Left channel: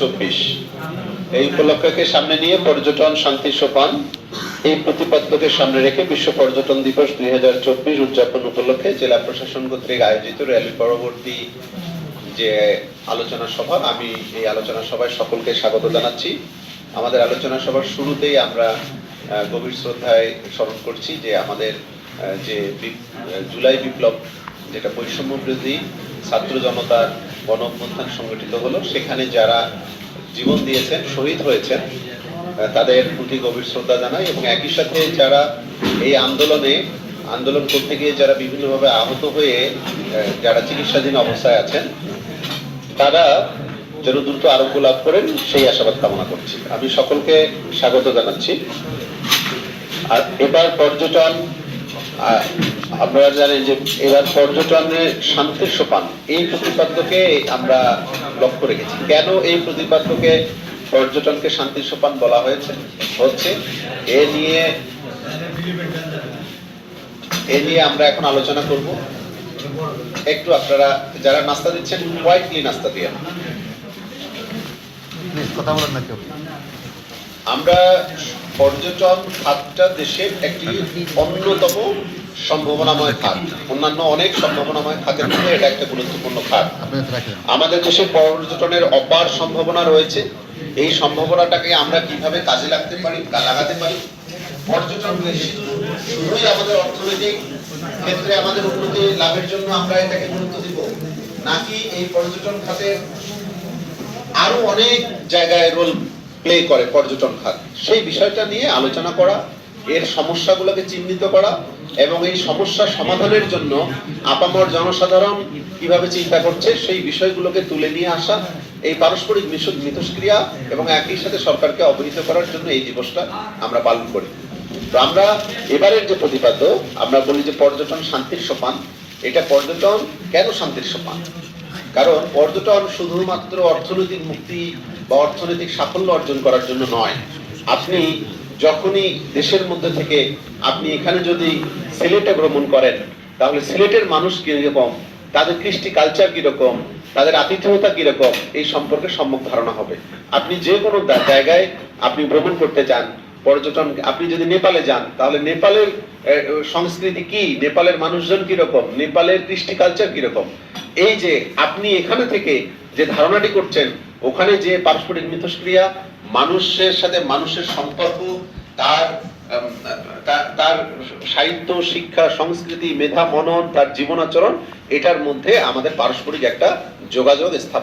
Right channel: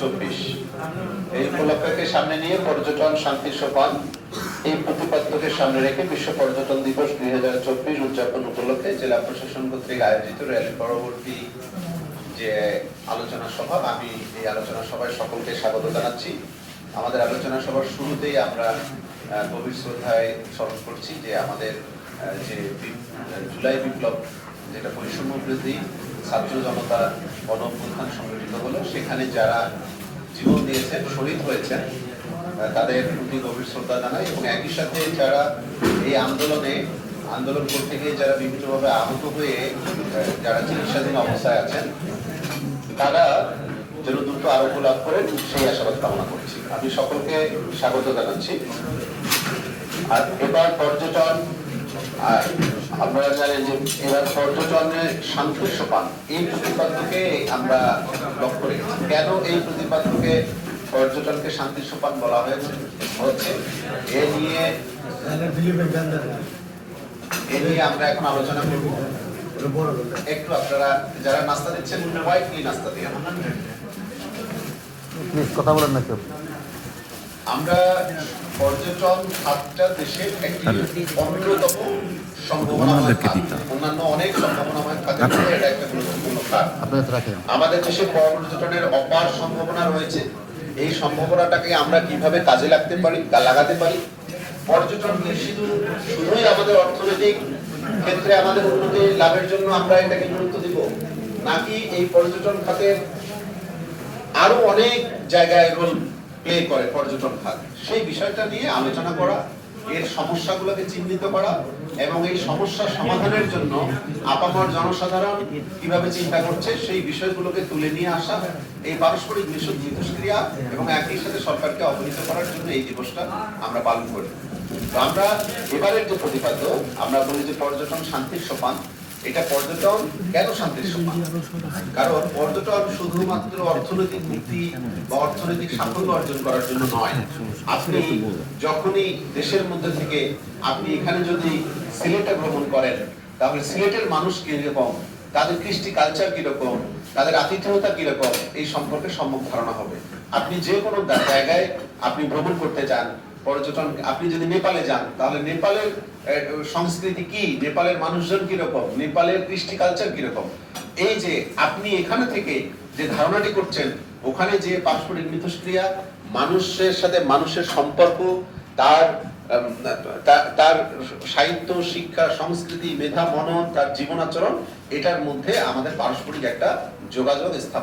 চব্বিশ। এই উপলক্ষকে সামনে নিয়ে পর্যটন শান্তি সোপান, এই প্রতিপাদ্যকে সামনে রেখে বিশ্ব পর্যটন দিবস দুই হাজার চব্বিশ উদযাপন উপলক্ষে জেলা প্রশাসন কর্তৃক আয়োজিত র্যালি পরবর্তী যে আলোচনা সভা, আমি এই আলোচনা সভায় সকলকে স্বাগত জানাচ্ছি। আমাদের আলোচনা সভার শুরুতেই আমরা গভীর শ্রদ্ধায় স্মরণ করছি যে আমাদের যে জুলাই বিপ্লব, যেটা বৈষম্য বিরোধী ছাত্র জনতার গণ অভ্যুত্থান সংগঠিত হলো, সেখানে যারা জীবন দিয়েছেন, শহীদ হয়েছেন তাদের প্রতি গভীর শ্রদ্ধা জানাই এবং একই সাথে যারা এই আন্দোলনে, আন্দোলন করতে গিয়ে যারা বিভিন্নভাবে আহত হয়ে যারা চিকিৎসাধীন অবস্থায় আছেন, তারা যেন দ্রুত আরোগ্য লাভ করেন, সেই আশাবাদ কামনা করছি। আমি সকলকে স্বাগত জানাচ্ছি। আর এবার পর্যটন আপনারা জানেন যে এবার পর্যটনের শান্তির সোপান এই প্রতিপাদ্যকে আমরা লক্ষ্য রেখেছি। কেন এই প্রতিপাদ্যকে পর্যটনকে শান্তির সোপান বলা হয়েছে? হচ্ছে এ নিয়ে এ নিয়ে আমরা এখন আলোচনা করব। একটু আপনারা যারা নাস্তা দিচ্ছেন হোয়াইটলি নাস্তা দিয়ে। কথা বলেন না কেউ। আমরা পর্যটন খাতটা দেশের একটি অন্যতম সম্ভাবনাময় খাত অন্যান্য অনেক সম্ভাবনাময় খাতের মধ্যে এটা একটা গুরুত্বপূর্ণ খাত। আমাদের দেশে পর্যটনের অপার সম্ভাবনা রয়েছে। এই সম্ভাবনাটাকে আমরা কীভাবে কাজে লাগতে পারি লাগাতে পারি? পর্যটন শুধুই আমাদের অর্থনৈতিক ক্ষেত্রে আমাদের উন্নতি লাভের জন্য আমরা এটাকে গুরুত্ব দিব নাকি এই পর্যটন খাতের আরও অনেক জায়গায় রোল প্লে করে পর্যটন খাত। সেই বিষয়টা নিয়ে আলোচনা করা, এর সমস্যাগুলোকে চিহ্নিত করা এবং এই সমস্যা সমাধানের জন্য আপামর জনসাধারণ কীভাবে চিন্তা করছে সেই বিষয়গুলোকে তুলে নিয়ে আসা, এই পারস্পরিক মিশ- মিথস্ক্রিয়া এবং একই সাথে সরকারকে অবহিত করার জন্য এই দিবসটা আমরা পালন করি। আমরা এবারের যে প্রতিপাদ্য, আমরা বলি যে পর্যটন শান্তির সোপান। এটা পর্যটন কেন শান্তির সোপান কারণ পর্যটন শুধুমাত্র অর্থনৈতিক মুক্তি বা অর্থনৈতিক সাফল্য অর্জন করার জন্য নয়। আপনি যখনই দেশের মধ্যে থেকে আপনি এখানে যদি সিলেটে ভ্রমণ করেন, তাহলে সিলেটের মানুষ কীরকম? তাদের কৃষ্টি কালচার কীরকম? তাদের আতিথেয়তা কীরকম? এই সম্পর্কে সম্যক ধারণা হবে। আপনি যে কোনো জায়গায় আপনি ভ্রমণ করতে চান পর্যটন, আপনি যদি নেপালে যান, তাহলে নেপালের সংস্কৃতি কি? নেপালের মানুষজন কীরকম? নেপালের কৃষ্টি কালচার কীরকম? এই যে আপনি এখানে থেকে যে ধারণাটি করছেন, ওখানে যে পারস্পরিক মিথস্ক্রিয়া, মানুষের সাথে মানুষের সম্পর্ক, তার তার সাহিত্য, শিক্ষা, সংস্কৃতি, মেধা, মনন, তার জীবনাচরণ, এটার মধ্যে আমাদের পারস্পরিক একটা যোগাযোগ স্থাপন